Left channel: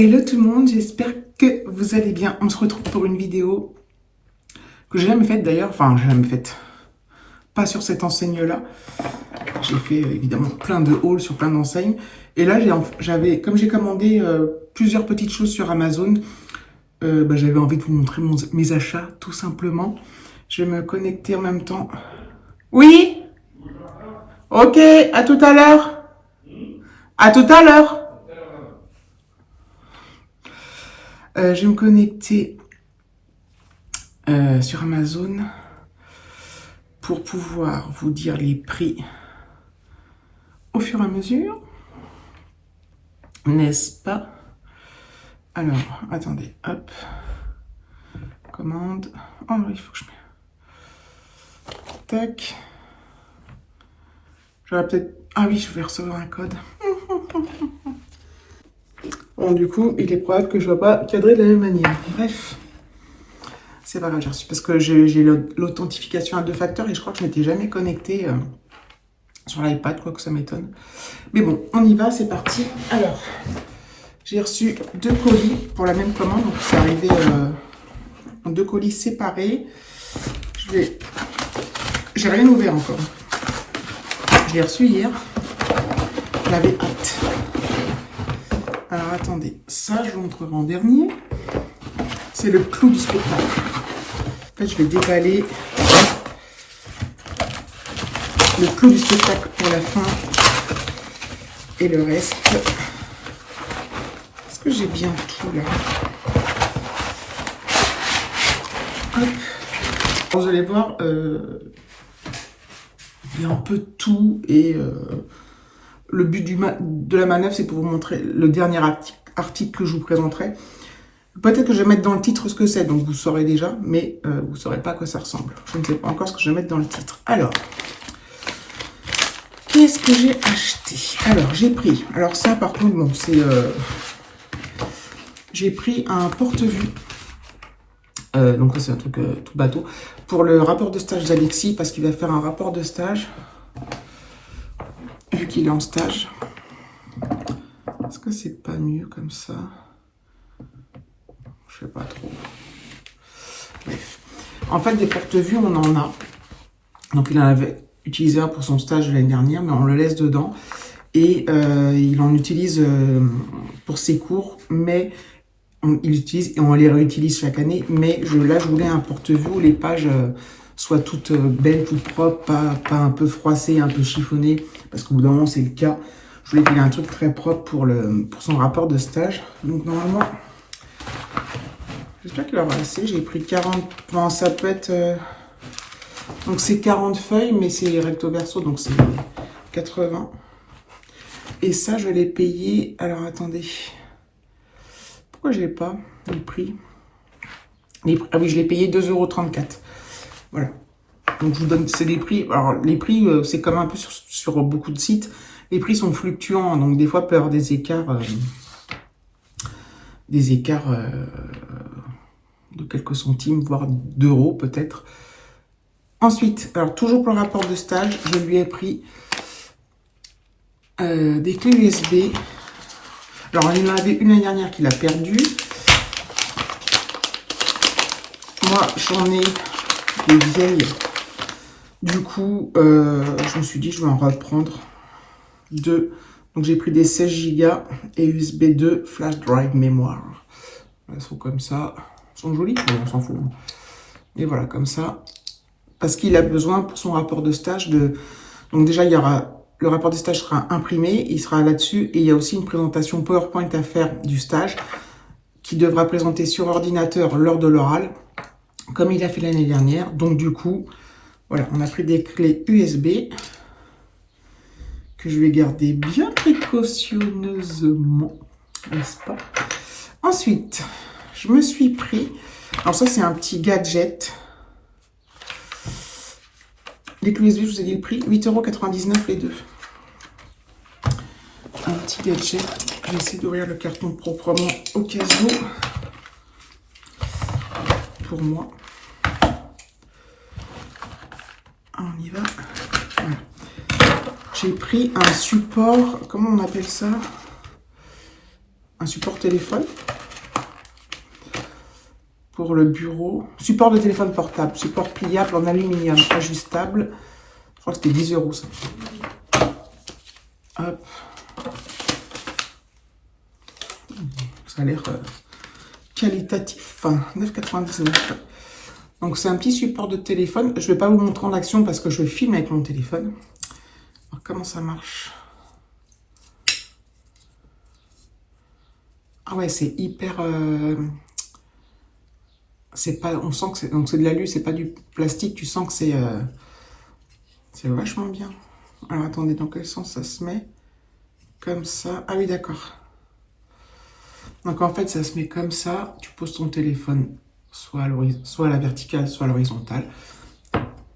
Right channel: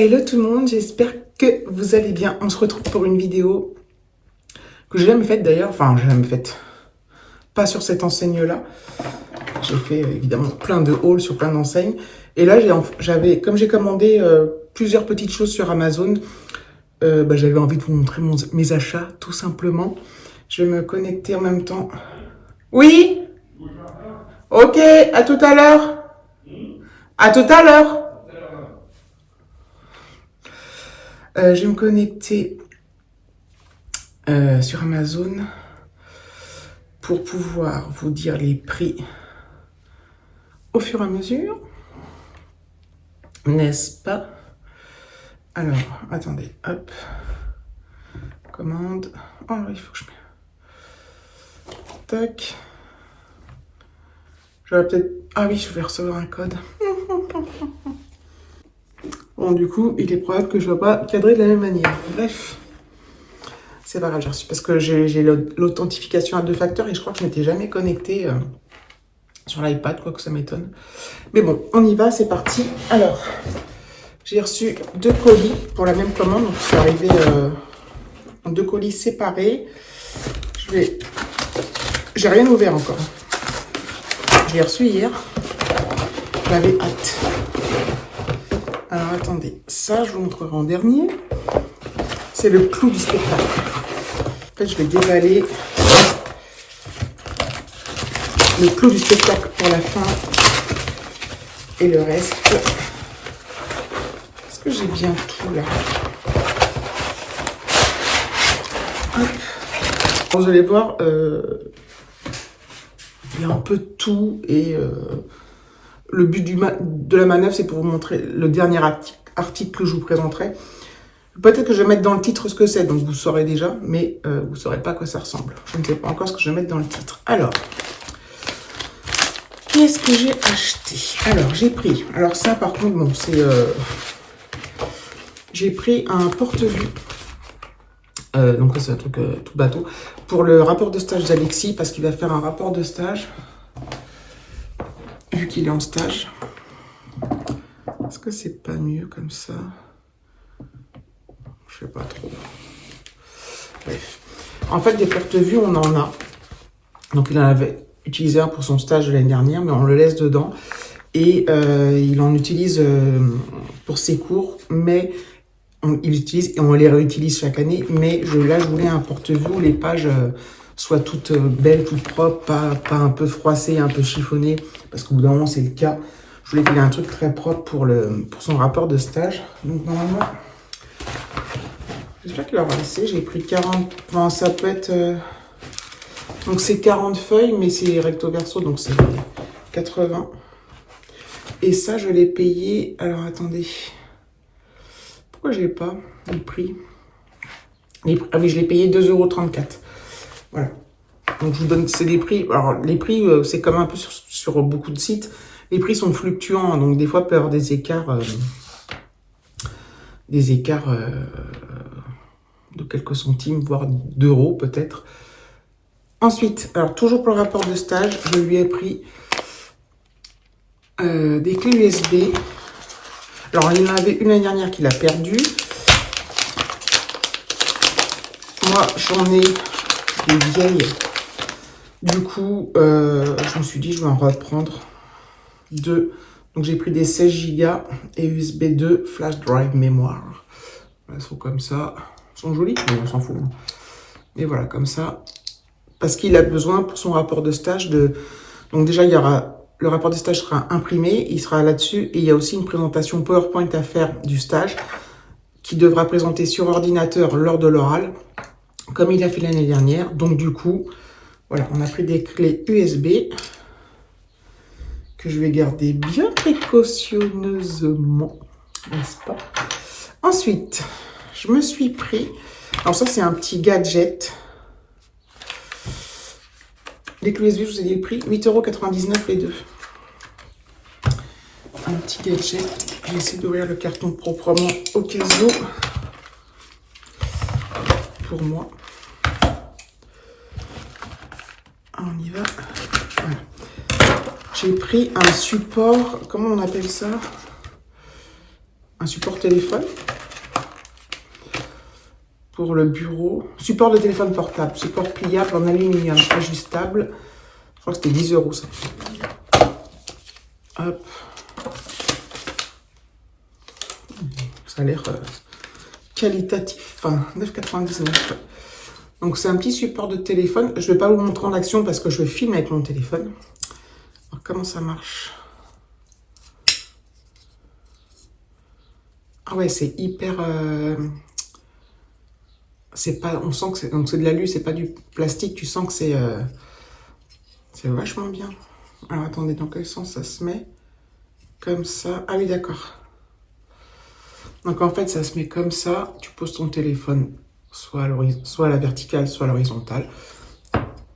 Hello tout le monde, j'espère que vous allez bien. On se retrouve pour une vidéo que j'ai jamais faite d'ailleurs. Enfin, j'ai jamais faite. Pas sur cette enseigne-là. J'ai fait évidemment plein de hauls sur plein d'enseignes. Et là, comme j'ai commandé plusieurs petites choses sur Amazon, j'avais envie de vous montrer mes achats, tout simplement. Je vais me connecter en même temps. Oui? Ok, à tout à l'heure. À tout à l'heure. Je vais me connecter sur Amazon pour pouvoir vous dire les prix au fur et à mesure, n'est-ce pas? Alors, attendez, hop, commande. Oh, il faut que je mette. Tac. J'aurais peut-être. Ah oui, je vais recevoir un code. Bon, du coup, il est probable que je ne vais pas cadrer de la même manière. Bref. C'est pas grave, j'ai reçu parce que j'ai l'authentification à 2 facteurs et je crois que je m'étais jamais connectée sur l'iPad, quoi que ça m'étonne. Mais bon, on y va, c'est parti. Alors, j'ai reçu 2 colis pour la même commande, donc c'est arrivé en 2 colis séparés. J'ai rien ouvert encore. Je l'ai reçu hier. J'avais hâte. Alors attendez, ça je vous montrerai en dernier. C'est le clou du spectacle. En fait, je vais déballer le clou du spectacle pour la fin. Et le reste. Est-ce que j'ai bien tout là? Hop. Bon, vous allez voir, il y a un peu de tout. Et le but de la manœuvre, c'est pour vous montrer le dernier article que je vous présenterai. Peut-être que je vais mettre dans le titre ce que c'est, donc vous saurez déjà, mais vous ne saurez pas à quoi ça ressemble. Je ne sais pas encore ce que je vais mettre dans le titre. Alors, qu'est-ce que j'ai acheté? Alors, j'ai pris... Alors ça, par contre, bon, c'est... j'ai pris un porte-vue. Donc ça, c'est un truc tout bateau. Pour le rapport de stage d'Alexis, parce qu'il va faire un rapport de stage, vu qu'il est en stage. Est-ce que c'est pas mieux comme ça? Je sais pas trop. Bref. En fait, des porte-vues, on en a. Donc, il en avait utilisé un pour son stage de l'année dernière, mais on le laisse dedans. Et il en utilise pour ses cours, mais il utilise et on les réutilise chaque année. Mais là, je voulais un porte-vue où les pages soient toutes belles, toutes propres, pas un peu froissées, un peu chiffonnées, parce qu'au bout d'un moment, c'est le cas. Je voulais qu'il ait un truc très propre pour son rapport de stage. Donc, normalement... J'espère qu'il aura assez. J'ai pris 40... Enfin, ça peut être... Donc, c'est 40 feuilles, mais c'est recto verso, donc c'est 80. Et ça, je l'ai payé... Alors, attendez. Pourquoi je l'ai pas, les prix? Ah oui, je l'ai payé 2,34 €. Voilà. Donc, je vous donne... C'est des prix... Alors, les prix, c'est comme un peu sur beaucoup de sites. Les prix sont fluctuants, donc des fois, il peut y avoir des écarts... de quelques centimes, voire d'euros peut-être. Ensuite, alors toujours pour le rapport de stage, je lui ai pris des clés USB. Alors, il en avait une l'année dernière qu'il a perdue. Moi, j'en ai des vieilles. Du coup, je me suis dit, je vais en reprendre 2. Donc, j'ai pris des 16 Go et USB 2 flash drive mémoire. Elles sont comme ça. Elles sont jolies, mais on s'en fout. Et voilà, comme ça. Parce qu'il a besoin pour son rapport de stage de... Donc déjà, il y aura... Le rapport de stage sera imprimé, il sera là-dessus. Et il y a aussi une présentation PowerPoint à faire du stage qui devra présenter sur ordinateur lors de l'oral, comme il a fait l'année dernière. Donc du coup, voilà, on a pris des clés USB que je vais garder bien précautionneusement, n'est-ce pas? Ensuite, je me suis pris... Alors ça, c'est un petit gadget. Les clés USB, je vous ai dit le prix, 8,99 € les deux. Un petit gadget. Je vais essayer d'ouvrir le carton proprement au cas où. Pour moi. On y va. Voilà. J'ai pris un support, comment on appelle ça? Un support téléphone pour le bureau. Support de téléphone portable, support pliable en aluminium, ajustable. Je crois que c'était 10 € ça. Hop. Ça a l'air qualitatif. 9,99 €. Donc c'est un petit support de téléphone. Je ne vais pas vous montrer en action parce que je filme avec mon téléphone. Alors comment ça marche? Ah ouais, c'est hyper... c'est pas... On sent que c'est... Donc c'est de l'alu, c'est pas du plastique. Tu sens que c'est vachement bien. Alors attendez, dans quel sens ça se met? Comme ça. Ah oui, d'accord. Donc en fait, ça se met comme ça. Tu poses ton téléphone soit à la verticale, soit à l'horizontale.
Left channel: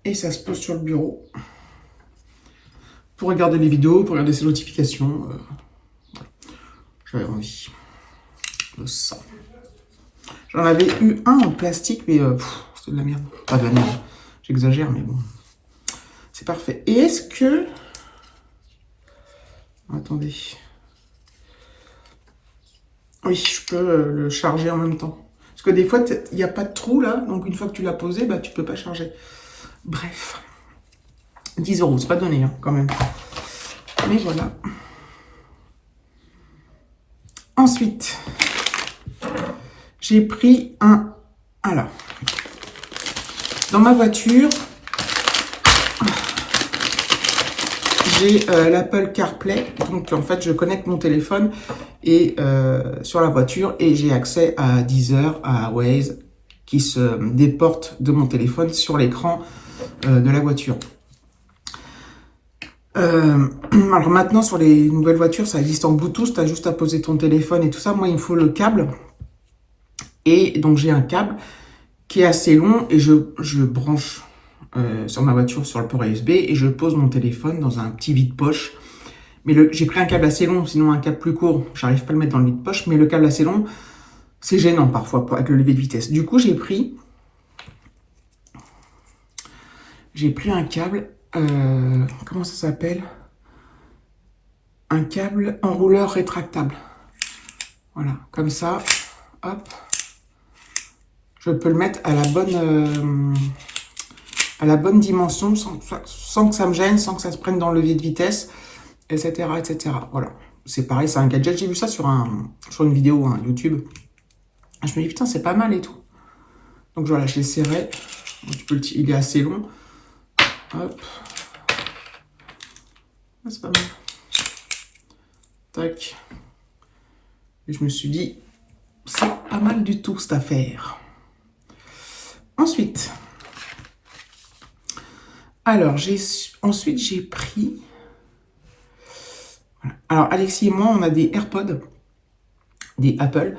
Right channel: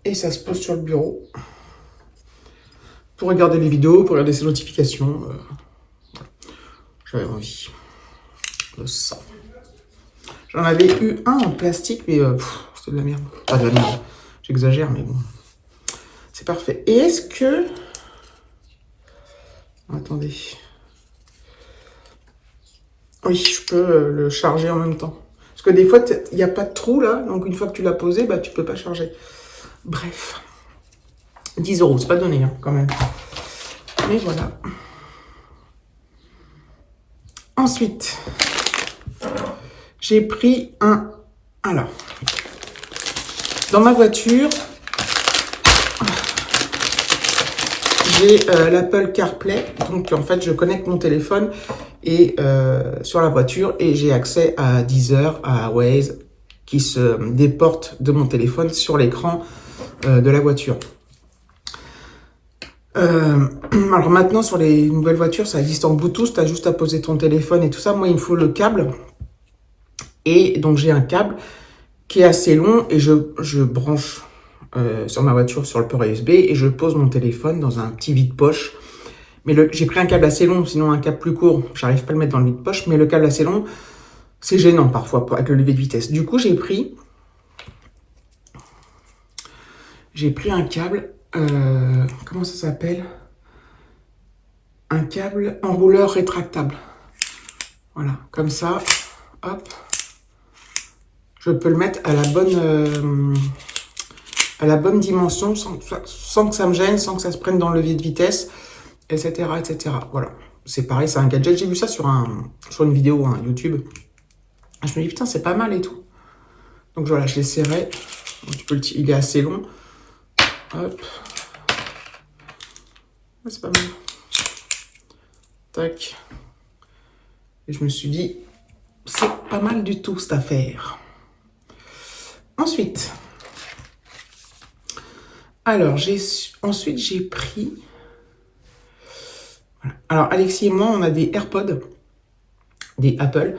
Et ça se pose sur le bureau. Pour regarder les vidéos, pour regarder ses notifications. Voilà. J'avais envie de ça. J'en avais eu un en plastique, mais c'est de la merde. Pas de la merde. J'exagère, mais bon. C'est parfait. Et est-ce que... Attendez. Oui, je peux le charger en même temps. Parce que des fois, il n'y a pas de trou là. Donc une fois que tu l'as posé, bah, tu peux pas charger. Bref. 10 €, c'est pas donné hein, quand même. Mais voilà. Ensuite, j'ai pris un... Alors, dans ma voiture, j'ai l'Apple CarPlay. Donc en fait, je connecte mon téléphone et sur la voiture et j'ai accès à Deezer, à Waze qui se déporte de mon téléphone sur l'écran de la voiture. Alors maintenant sur les nouvelles voitures ça existe en Bluetooth, tu as juste à poser ton téléphone et tout ça. Moi il me faut le câble et donc j'ai un câble qui est assez long et je branche sur ma voiture sur le port USB et je pose mon téléphone dans un petit vide-poche. Mais j'ai pris un câble assez long, sinon un câble plus court, j'arrive pas à le mettre dans le vide-poche, mais le câble assez long, c'est gênant parfois avec le lever de vitesse. Du coup, j'ai pris un câble, comment ça s'appelle? Un câble enrouleur rétractable. Voilà, comme ça, hop. Je peux le mettre à la bonne dimension sans que ça me gêne, sans que ça se prenne dans le levier de vitesse, etc. etc. Voilà, c'est pareil, c'est un gadget. J'ai vu ça sur une vidéo hein, YouTube. Je me dis, putain, c'est pas mal et tout. Donc voilà, je l'essaierai. Il est assez long. Hop. C'est pas mal. Tac. Et je me suis dit, c'est pas mal du tout cette affaire. Ensuite, alors ensuite j'ai pris. Voilà. Alors Alexis et moi, on a des AirPods, des Apple,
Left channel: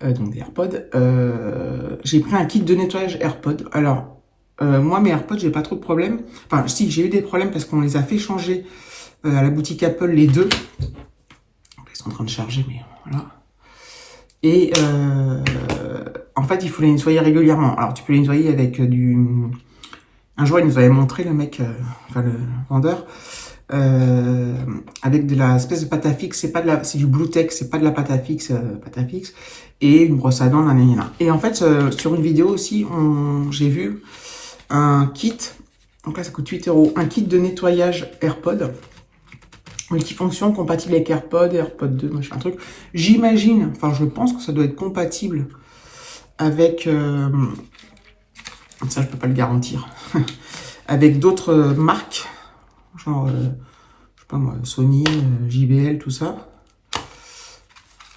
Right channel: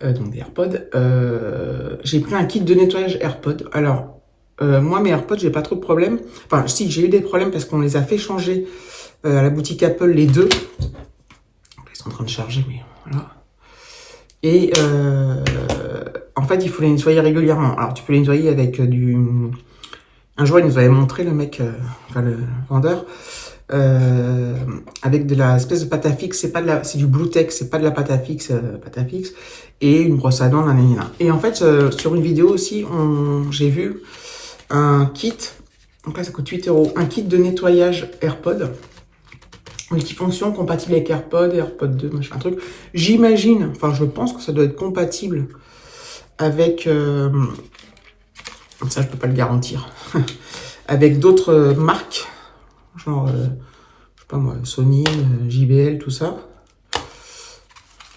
donc des AirPods. J'ai pris un kit de nettoyage AirPods. Alors moi mes AirPods, j'ai pas trop de problèmes. Enfin si, j'ai eu des problèmes parce qu'on les a fait changer à la boutique Apple les deux. Ils sont en train de charger, mais voilà. Et en fait, il faut les nettoyer régulièrement. Alors, tu peux les nettoyer avec du... Un jour, il nous avait montré, le mec, enfin le vendeur, avec de la espèce de pâte à fixe. C'est du Bluetex, c'est pas de la pâte à fixe, et une brosse à dents, nanana. Et en fait, sur une vidéo aussi, j'ai vu un kit. Donc là, ça coûte 8 €. Un kit de nettoyage AirPod. Multifonction, compatible avec AirPod, AirPod 2, machin, un truc. J'imagine, enfin je pense que ça doit être compatible avec, ça je peux pas le garantir, avec d'autres marques, genre, je sais pas moi, Sony, JBL, tout ça.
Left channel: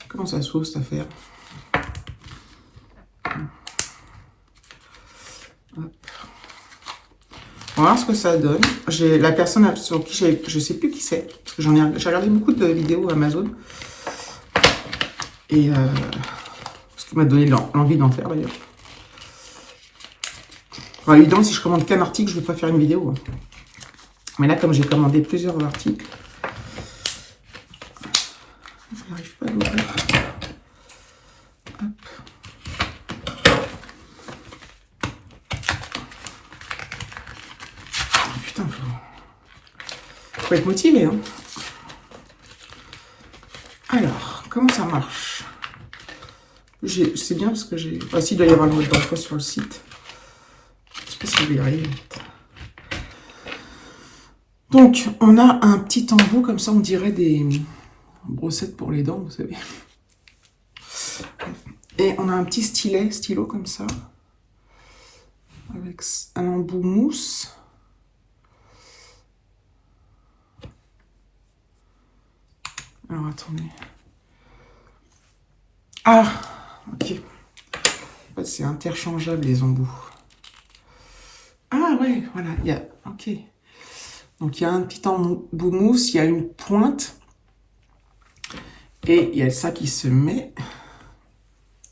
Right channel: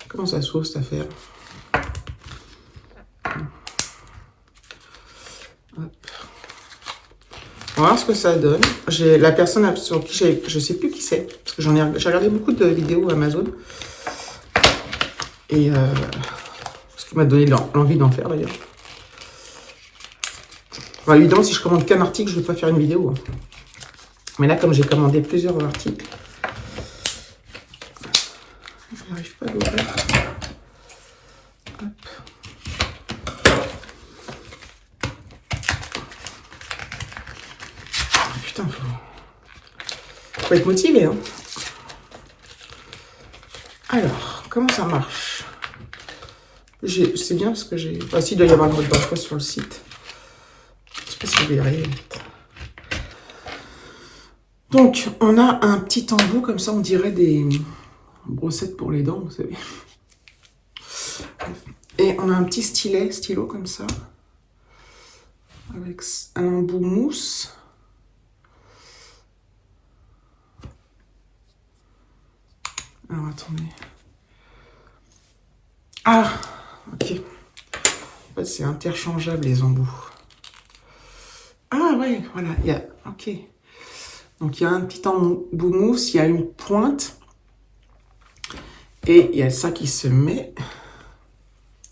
Comment ça s'ouvre cette affaire? Hop. On va voir ce que ça donne. J'ai la personne sur qui je sais plus qui c'est, parce que j'ai regardé beaucoup de vidéos Amazon. Et ce qui m'a donné l'envie d'en faire d'ailleurs. Enfin, évidemment, si je commande qu'un article, je ne vais pas faire une vidéo. Mais là, comme j'ai commandé plusieurs articles, je n'arrive pas à l'ouvrir. Putain, faut être motivé, hein. Alors, comment ça marche? c'est bien parce que j'ai... Ah si, il doit y avoir le mode d'emploi sur le site. Je sais pas si je vais y arriver. Donc, on a un petit embout, comme ça, on dirait des brossettes pour les dents, vous savez. Et on a un petit stylo comme ça, avec un embout mousse. Alors, attendez. Ah, ok. En fait, c'est interchangeable, les embouts. Ah, ouais, voilà, il y a... Ok. Donc, il y a un petit embout mousse, il y a une pointe. Et il y a ça qui se met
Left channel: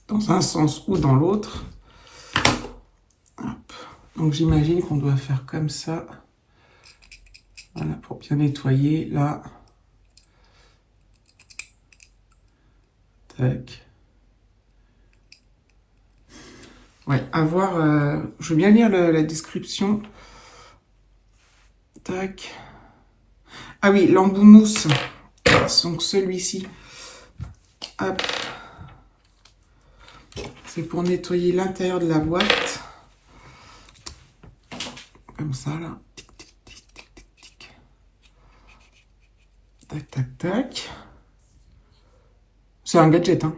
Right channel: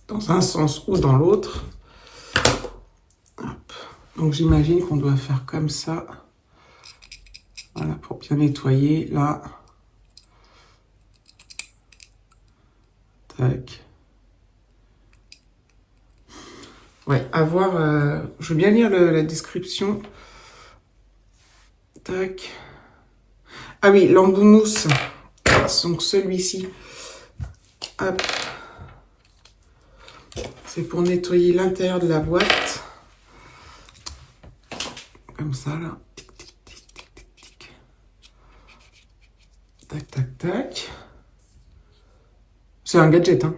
dans un sens ou dans l'autre. Donc, j'imagine qu'on doit faire comme ça. Voilà, pour bien nettoyer, là. Tac. Ouais, à voir. Je veux bien lire la description. Tac. Ah oui, l'embout mousse. Donc celui-ci. Hop. C'est pour nettoyer l'intérieur de la boîte. Comme ça, là. Tic, tic, tic, tic, tic, tic. Tac, tac, tac. C'est un gadget, hein.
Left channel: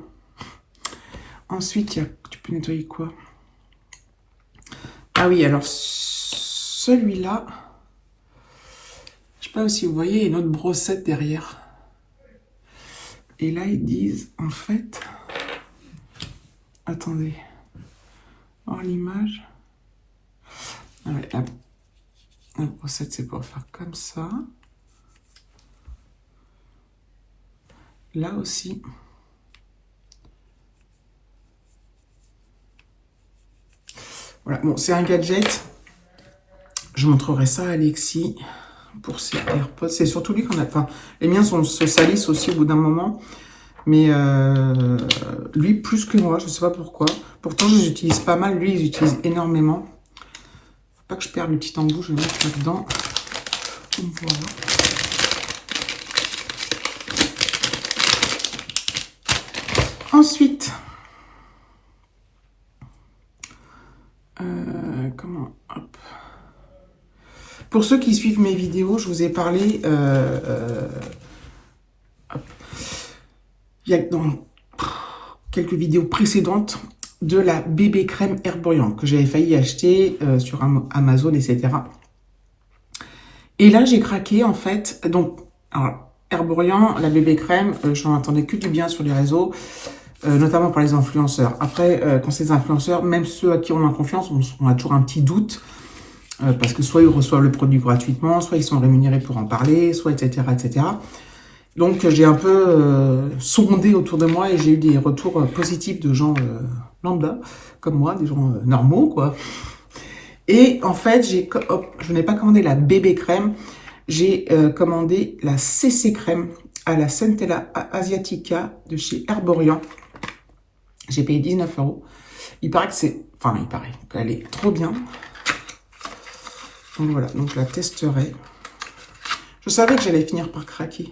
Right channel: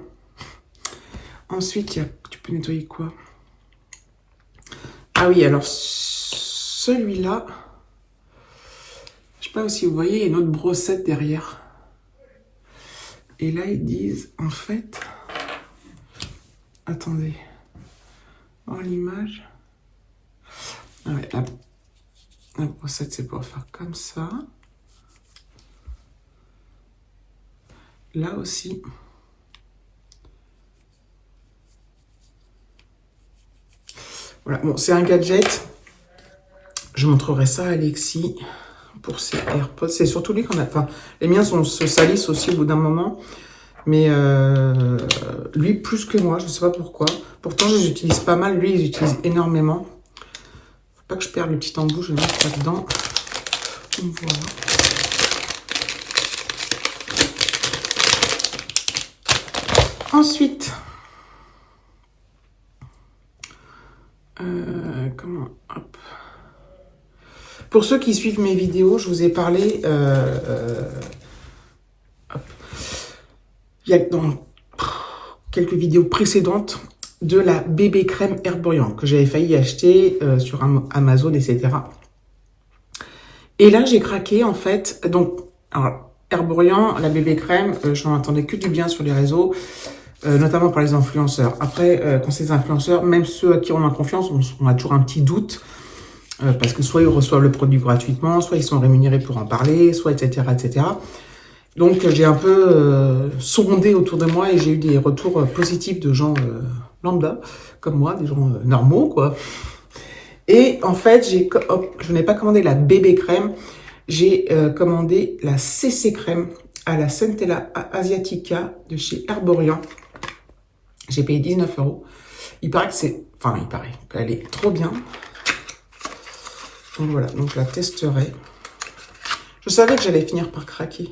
Ensuite, tu peux nettoyer quoi? Ah oui, alors celui-là, je sais pas si vous voyez, il y a une autre brossette derrière. Et là, ils disent, en fait, attendez, voir l'image. Ah ouais, la brossette, c'est pour faire comme ça. Là aussi. Voilà, bon, c'est un gadget. Je montrerai ça à Alexis pour ses AirPods. C'est surtout lui qu'on a... Enfin, les miens se salissent aussi au bout d'un moment. Mais lui, plus que moi, je ne sais pas pourquoi. Pourtant, je les utilise pas mal. Lui, il utilise énormément. Faut pas que je perde le petit embout. Je vais mettre là-dedans. Voilà. Ensuite... comment... Hop. Pour ceux qui suivent mes vidéos, je vous ai parlé... il y a dans quelques vidéos précédentes de la bébé crème Herborian que j'avais failli acheter sur Amazon, etc. Et là, j'ai craqué en fait. Donc, alors, Herborian, la bébé crème, j'en entendais que du bien sur les réseaux, notamment par les influenceurs. Après, quand c'est des influenceurs, même ceux à qui on a confiance, on a toujours un petit doute. Parce que soit ils reçoivent le produit gratuitement, soit ils sont rémunérés pour en parler, soit etc. etc. Donc j'ai un peu sondé autour de moi et j'ai eu des retours positifs de gens lambda, comme moi, des gens normaux, quoi. Et en fait, je n'ai pas commandé la bébé crème, j'ai commandé la CC crème à la Centella Asiatica de chez Herborian. J'ai payé 19 €. Il paraît que c'est... Enfin, il paraît qu'elle est trop bien. Donc voilà, donc je la testerai. Je savais que j'allais finir par craquer.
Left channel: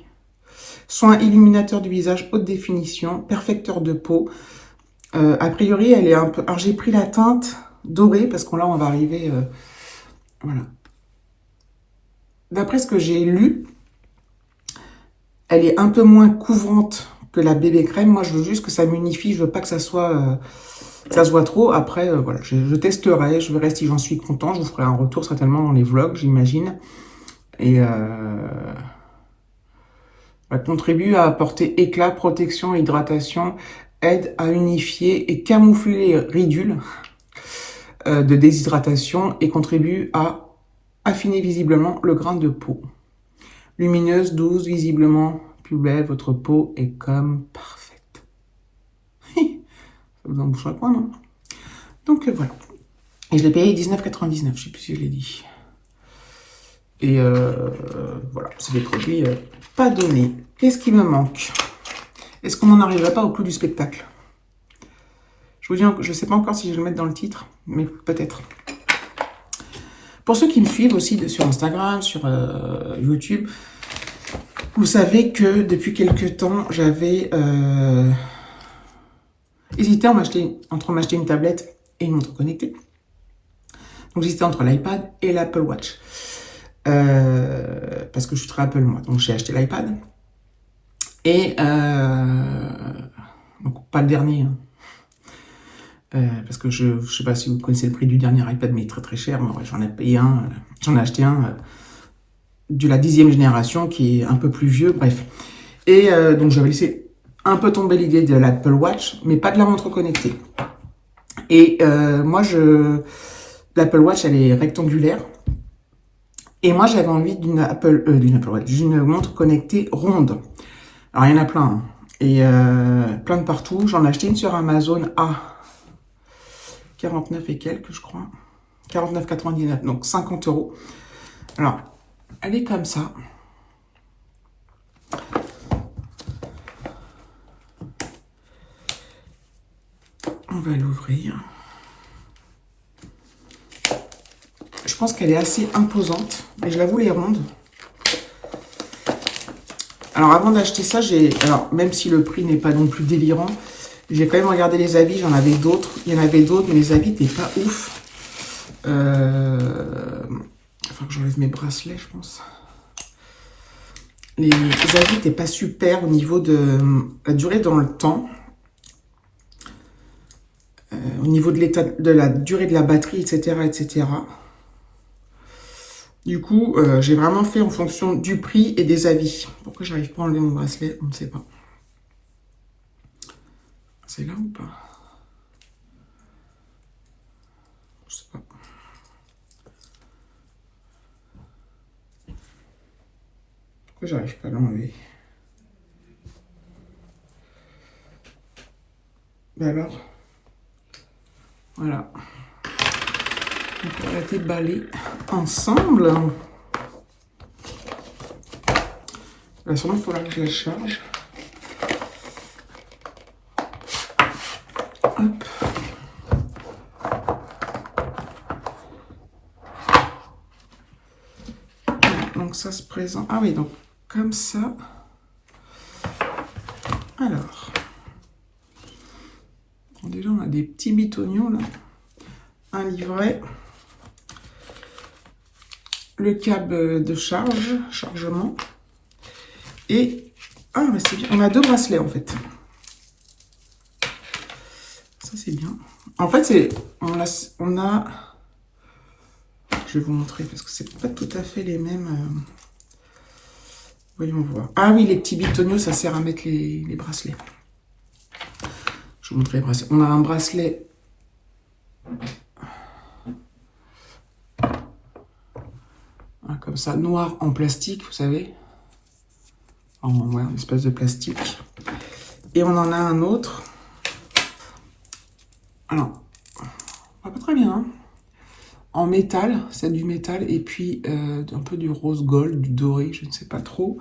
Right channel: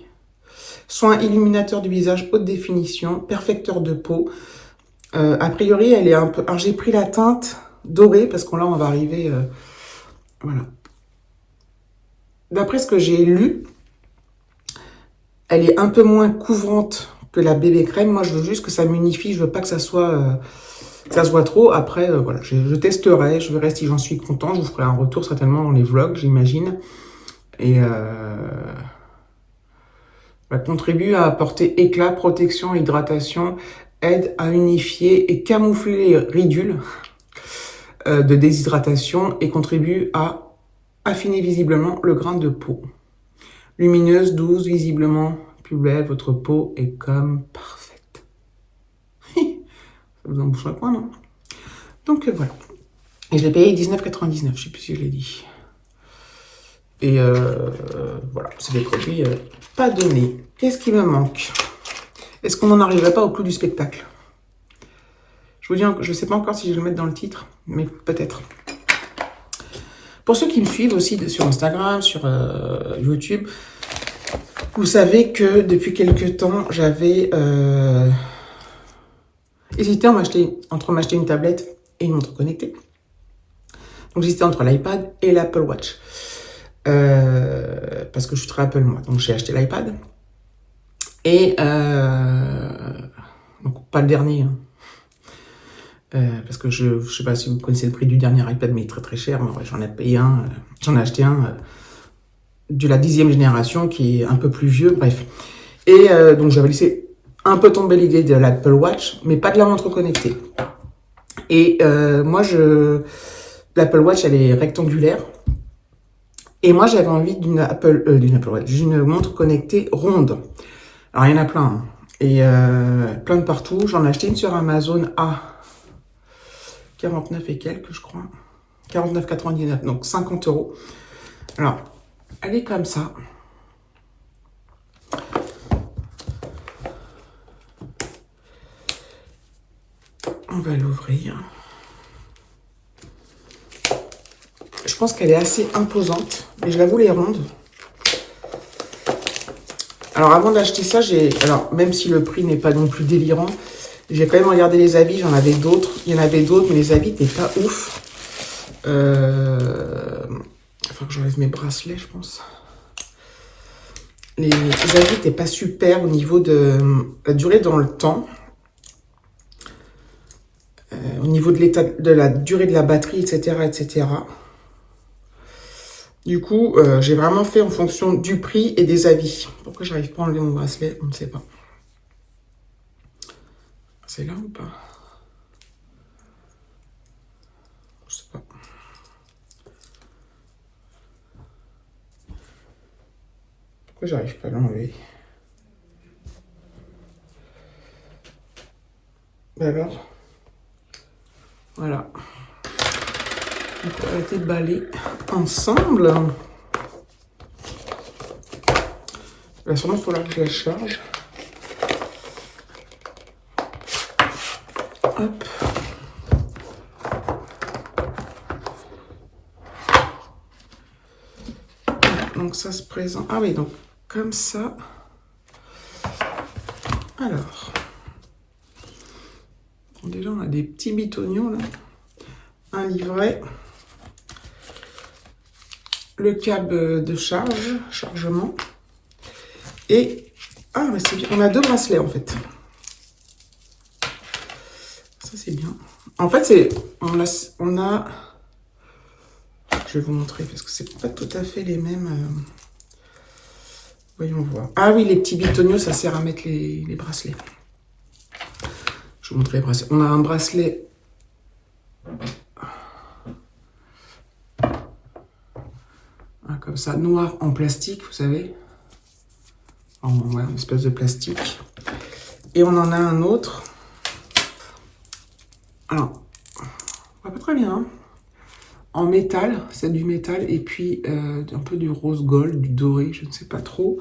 Soin illuminateur du visage, haute définition, perfecteur de peau. A priori, elle est un peu... Alors, j'ai pris la teinte dorée, parce que là, on va arriver... voilà. D'après ce que j'ai lu, elle est un peu moins couvrante que la bébé crème. Moi, je veux juste que ça m'unifie. Je veux pas que ça soit... que ça se voit trop. Après, voilà, je testerai. Je verrai si j'en suis content. Je vous ferai un retour certainement dans les vlogs, j'imagine. Et... elle contribue à apporter éclat, protection, hydratation, aide à unifier et camoufler les ridules de déshydratation et contribue à affiner visiblement le grain de peau. Lumineuse, douce, visiblement plus belle, votre peau est comme parfaite. Ça vous embouche un coin, non? Donc voilà. Et je l'ai payé 19,99 €, je ne sais plus si je l'ai dit. Et voilà, c'est des produits pas donnés. Qu'est-ce qui me manque? Est-ce qu'on n'en arriverait pas au clou du spectacle? Je vous dis, je ne sais pas encore si je vais le mettre dans le titre, mais peut-être. Pour ceux qui me suivent aussi sur Instagram, sur YouTube, vous savez que depuis quelques temps, j'avais J'hésitais entre m'acheter une tablette et une montre connectée. Donc j'hésitais entre l'iPad et l'Apple Watch. Parce que je suis très Apple moi. Donc j'ai acheté l'iPad. Et donc pas le dernier. Hein. Parce que je ne sais pas si vous connaissez le prix du dernier iPad, mais il est très très cher. Ouais, j'en ai payé un. J'en ai acheté un de la 10e génération qui est un peu plus vieux. Bref. Et donc j'avais laissé un peu tomber l'idée de l'Apple Watch, mais pas de la montre connectée. Et moi, l'Apple Watch, elle est rectangulaire. Et moi, j'avais envie d'une Apple Watch, d'une montre connectée ronde. Alors, il y en a plein. Hein. Et plein de partout. J'en ai acheté une sur Amazon à 49 et quelques, je crois. 49,99, donc 50 €. Alors, elle est comme ça. On va l'ouvrir. Je pense qu'elle est assez imposante, mais je la voulais ronde. Alors avant d'acheter ça, alors même si le prix n'est pas non plus délirant, j'ai quand même regardé les avis, j'en avais d'autres. Il y en avait d'autres, mais les avis n'étaient pas ouf. Il faut que j'enlève mes bracelets, je pense. Les avis n'étaient pas super au niveau de la durée dans le temps. Au niveau de l'état, de la durée de la batterie, etc., etc. Du coup, j'ai vraiment fait en fonction du prix et des avis. Pourquoi j'arrive pas à enlever mon bracelet? On ne sait pas. C'est là ou pas? Je sais pas. Pourquoi j'arrive pas à l'enlever? Ben alors, voilà. Donc on va déballer ensemble. Là, sûrement, il faudra que je la charge. Hop. Donc ça se présente. Ah oui, donc comme ça. Alors. Déjà, on a des petits bitoniaux là. Un livret. Le câble de chargement. Et ah, bah c'est bien. On a 2 bracelets en fait. Ça c'est bien. En fait, on a. Je vais vous montrer parce que c'est pas tout à fait les mêmes. Voyons voir. Ah oui, les petits bitoniaux, ça sert à mettre les bracelets. Je vous montre les bracelets. On a un bracelet. Comme ça, noir en plastique, vous savez. Ouais, une espèce de plastique. Et on en a un autre. Alors, pas très bien. Hein. En métal, c'est du métal. Et puis, un peu du rose gold, du doré, je ne sais pas trop.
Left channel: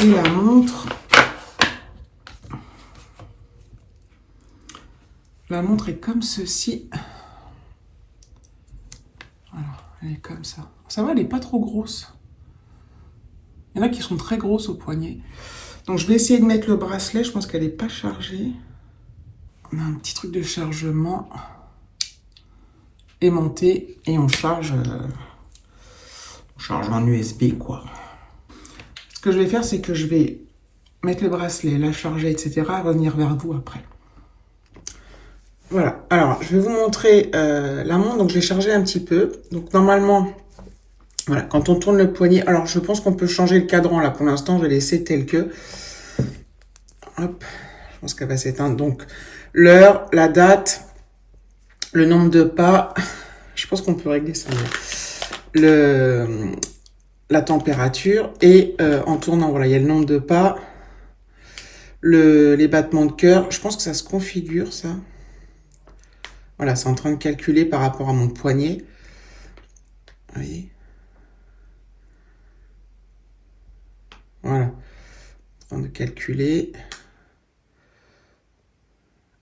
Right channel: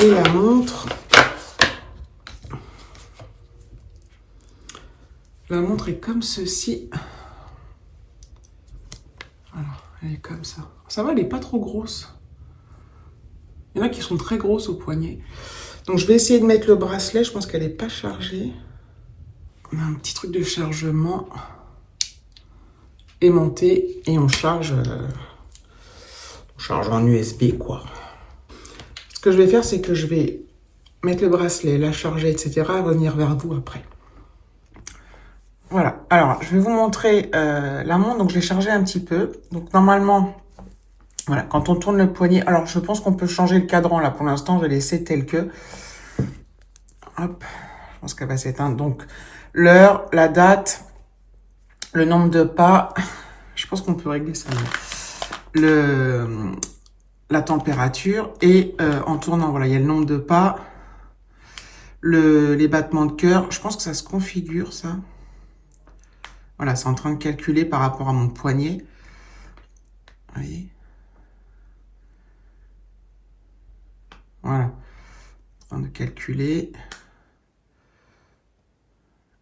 Et la montre. La montre est comme ceci. Voilà, elle est comme ça. Ça va, elle n'est pas trop grosse. Il y en a qui sont très grosses au poignet. Donc, je vais essayer de mettre le bracelet. Je pense qu'elle n'est pas chargée. On a un petit truc de chargement aimanté et on charge en USB, quoi. Ce que je vais faire, c'est que je vais mettre le bracelet, la charger, etc. revenir vers vous après. Voilà. Alors, je vais vous montrer la montre. Donc, je l'ai chargée un petit peu. Donc, normalement, voilà, quand on tourne le poignet... Alors, je pense qu'on peut changer le cadran, là. Pour l'instant, je vais laisser tel que. Hop. Je pense qu'elle va s'éteindre. Donc, l'heure, la date, le nombre de pas. Je pense qu'on peut régler ça. La température. Et en tournant, voilà, il y a le nombre de pas. Les battements de cœur. Je pense que ça se configure, ça. Voilà, c'est en train de calculer par rapport à mon poignet. Vous voyez? Voilà. En train de calculer.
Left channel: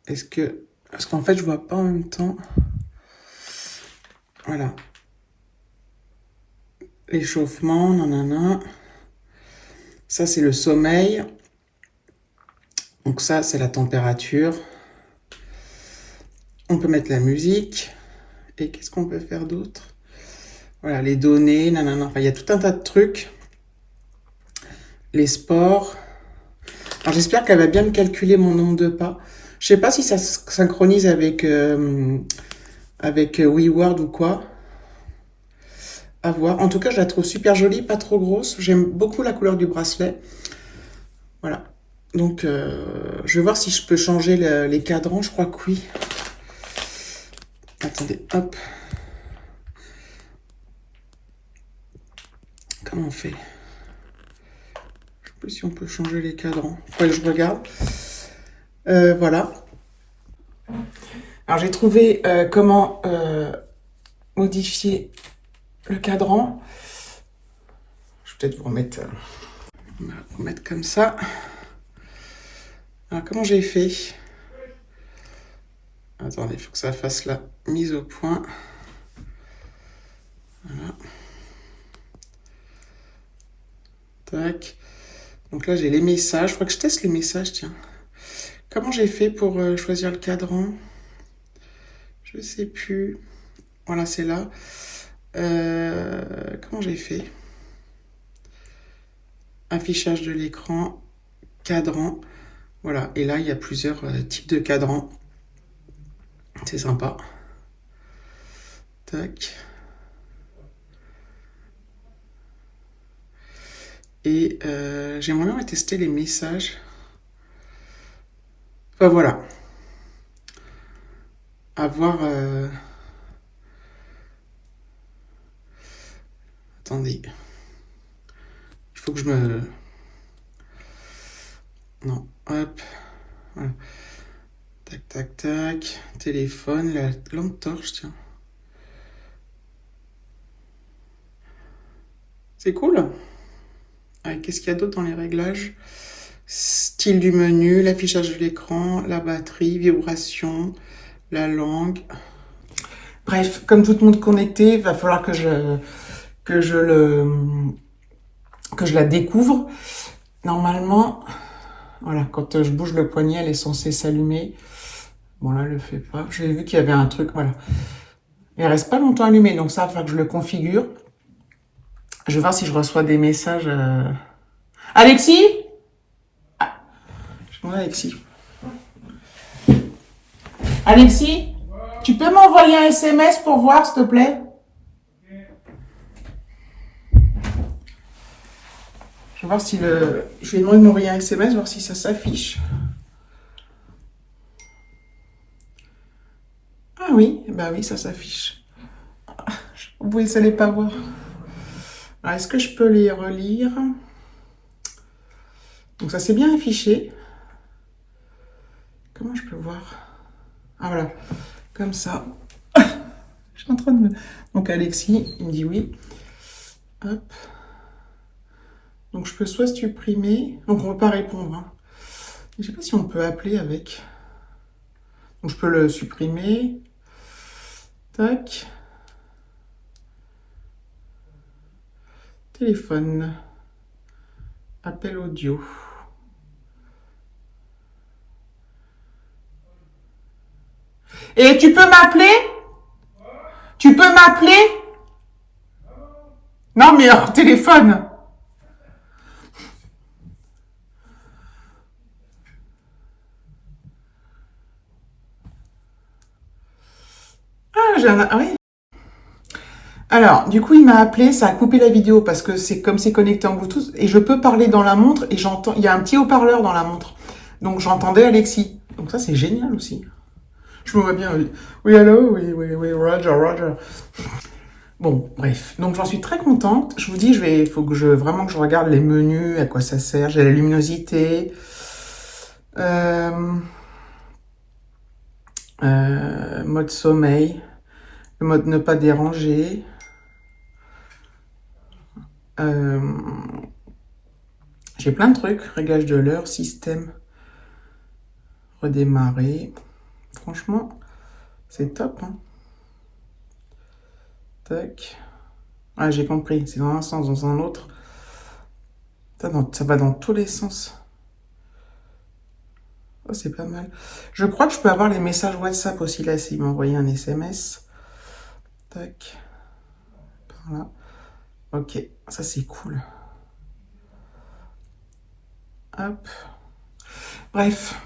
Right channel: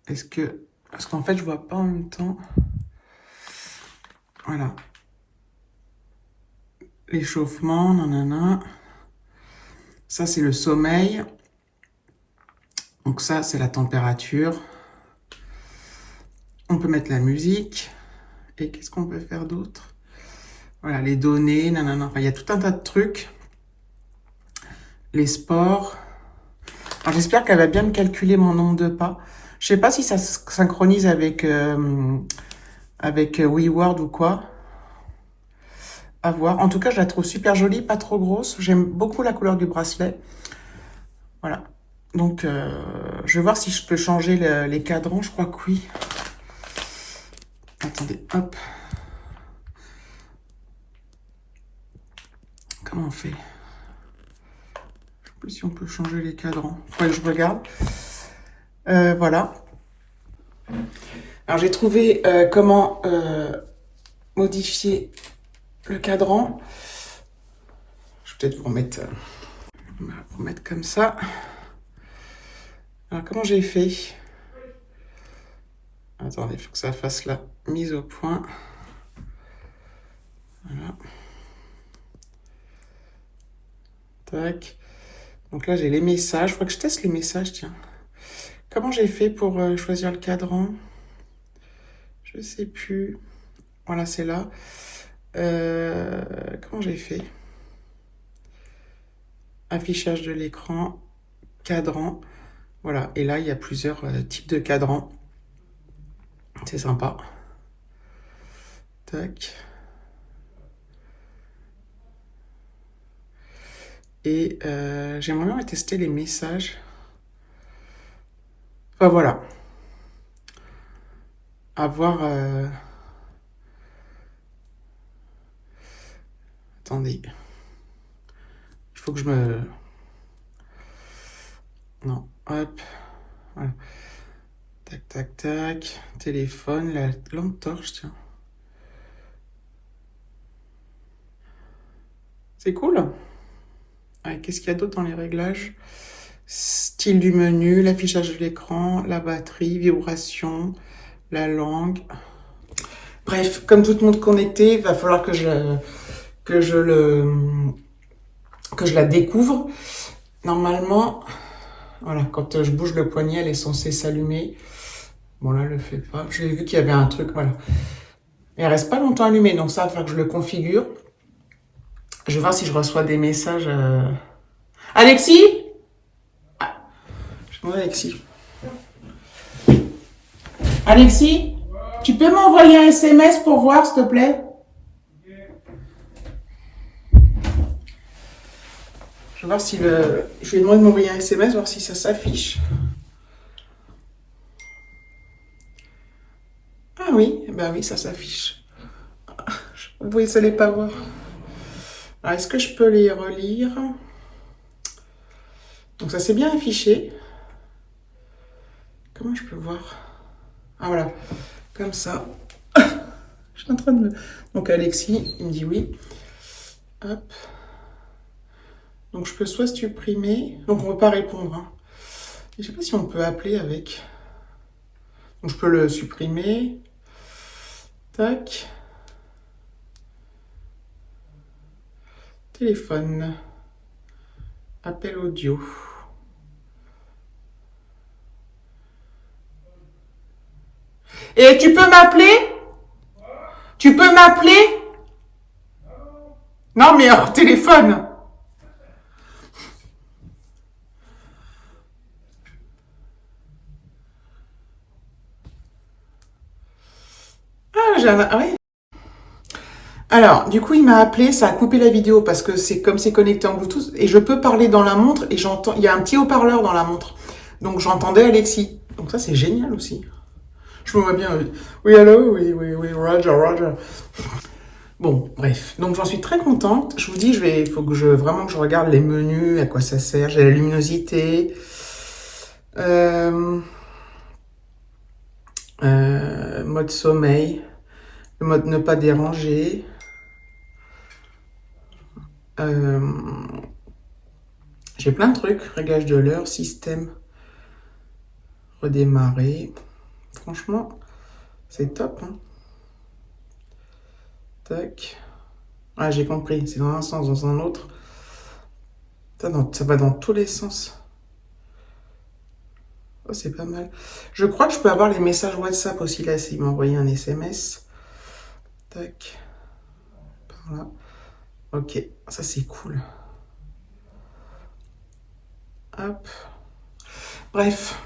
Parce qu'en fait, je vois pas en même temps. Voilà. L'échauffement, nanana. Ça, c'est le sommeil. Donc ça, c'est la température. On peut mettre la musique. Et qu'est-ce qu'on peut faire d'autre? Voilà, les données, nanana. Enfin, il y a tout un tas de trucs. Les sports. Alors, j'espère qu'elle va bien me calculer mon nombre de pas. Je sais pas si ça se synchronise avec WeWord ou quoi. À voir. En tout cas, je la trouve super jolie, pas trop grosse. J'aime beaucoup la couleur du bracelet. Voilà. Donc, je vais voir si je peux changer les cadrans. Je crois que oui. Attendez, hop. Comment on fait? Je sais plus si on peut changer les cadrans. Faudrait que je regarde. Voilà. Alors, j'ai trouvé comment modifier le cadran. Je vais peut-être vous remettre, comme ça. Alors, comment j'ai fait? Attendez, il faut que ça fasse la mise au point. Voilà. Tac. Donc là, j'ai les messages. Il faudrait que je teste les messages, tiens. Comment j'ai fait pour choisir le cadran? Je sais plus. Voilà, c'est là. Comment j'ai fait? Affichage de l'écran, cadran. Voilà, et là, il y a plusieurs types de cadrans. C'est sympa. Tac. Et j'aimerais bien tester les messages. Enfin, voilà. À voir... Attendez. Il faut que je me... Non, hop. Voilà. Tac, tac, tac. Téléphone, la lampe torche, tiens. C'est cool. Qu'est-ce qu'il y a d'autre dans les réglages? Style du menu, l'affichage de l'écran, la batterie, vibration, la langue. Bref, comme tout le monde connecté, il va falloir que je la découvre. Normalement, voilà, quand je bouge le poignet, elle est censée s'allumer. Bon, là, elle le fait pas. J'ai vu qu'il y avait un truc, voilà. Mais elle reste pas longtemps allumée, donc ça va falloir que je le configure. Je vais voir si je reçois des messages. Alexis? Ah, je demande à Alexis. Alexis, tu peux m'envoyer un SMS pour voir, s'il te plaît? Je vais voir si je vais demander de m'envoyer un SMS, voir si ça s'affiche. Ah oui, bah oui, ça s'affiche. Vous ne allez pas voir. Alors, est-ce que je peux les relire? Donc, ça s'est bien affiché. Comment je peux voir? Ah, voilà. Comme ça. Je suis en train de me... Donc, Alexis, il me dit oui. Hop. Donc, je peux soit supprimer. Donc, on ne peut pas répondre. Hein. Je ne sais pas si on peut appeler avec. Donc, je peux le supprimer. Tac. Téléphone. Appel audio. Et tu peux m'appeler? Tu peux m'appeler? Non, mais hors téléphone. Ah oui. Alors, du coup, il m'a appelé, ça a coupé la vidéo parce que c'est comme c'est connecté en Bluetooth et je peux parler dans la montre et j'entends, il y a un petit haut-parleur dans la montre. Donc, j'entendais Alexis. Donc, ça, c'est génial aussi. Je me vois bien. Oui, allô? Oui, Roger, Roger. Bon, bref. Donc, j'en suis très contente. Je vous dis, il faut que vraiment que je regarde les menus, à quoi ça sert. J'ai la luminosité. Mode sommeil. Le mode ne pas déranger. J'ai plein de trucs. Réglage de l'heure, système. Redémarrer. Franchement, c'est top. Hein. Tac. Ah, j'ai compris. C'est dans un sens, dans un autre. Ça va dans tous les sens. Oh, c'est pas mal. Je crois que je peux avoir les messages WhatsApp aussi, là, s'il m'a envoyé un SMS. Tac. Par là. Ok, ça c'est cool. Hop. Bref.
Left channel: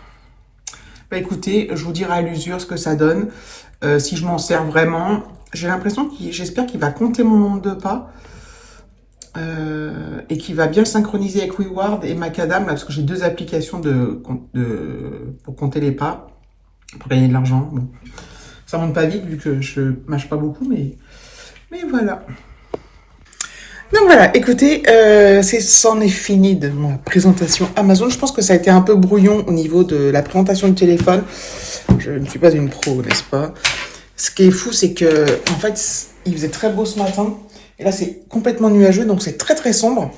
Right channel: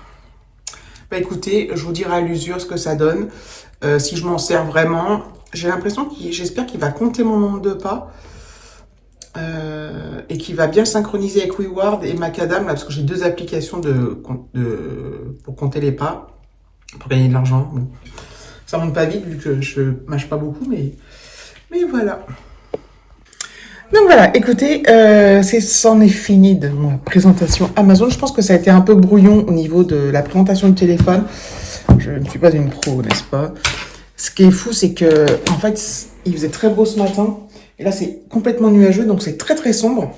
Bah écoutez, je vous dirai à l'usure ce que ça donne. Si je m'en sers vraiment, j'ai l'impression j'espère qu'il va compter mon nombre de pas. Et qu'il va bien le synchroniser avec WeWard et Macadam, là, parce que j'ai deux applications pour compter les pas, pour gagner de l'argent. Bon. Ça monte pas vite vu que je mâche pas beaucoup, mais voilà. Donc voilà, écoutez, c'en est fini de ma présentation Amazon. Je pense que ça a été un peu brouillon au niveau de la présentation du téléphone. Je ne suis pas une pro, n'est-ce pas? Ce qui est fou, c'est que, en fait, il faisait très beau ce matin. Et là, c'est complètement nuageux, donc c'est très très sombre.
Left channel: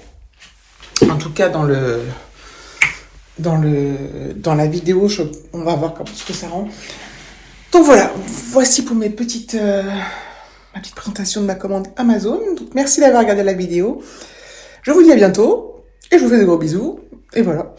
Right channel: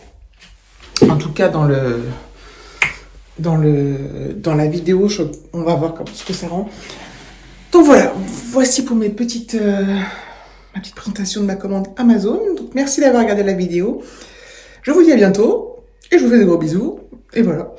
En tout cas, dans la vidéo, on va voir ce que ça rend. Donc voilà, voici pour ma petite présentation de ma commande Amazon. Donc merci d'avoir regardé la vidéo. Je vous dis à bientôt et je vous fais de gros bisous. Et voilà.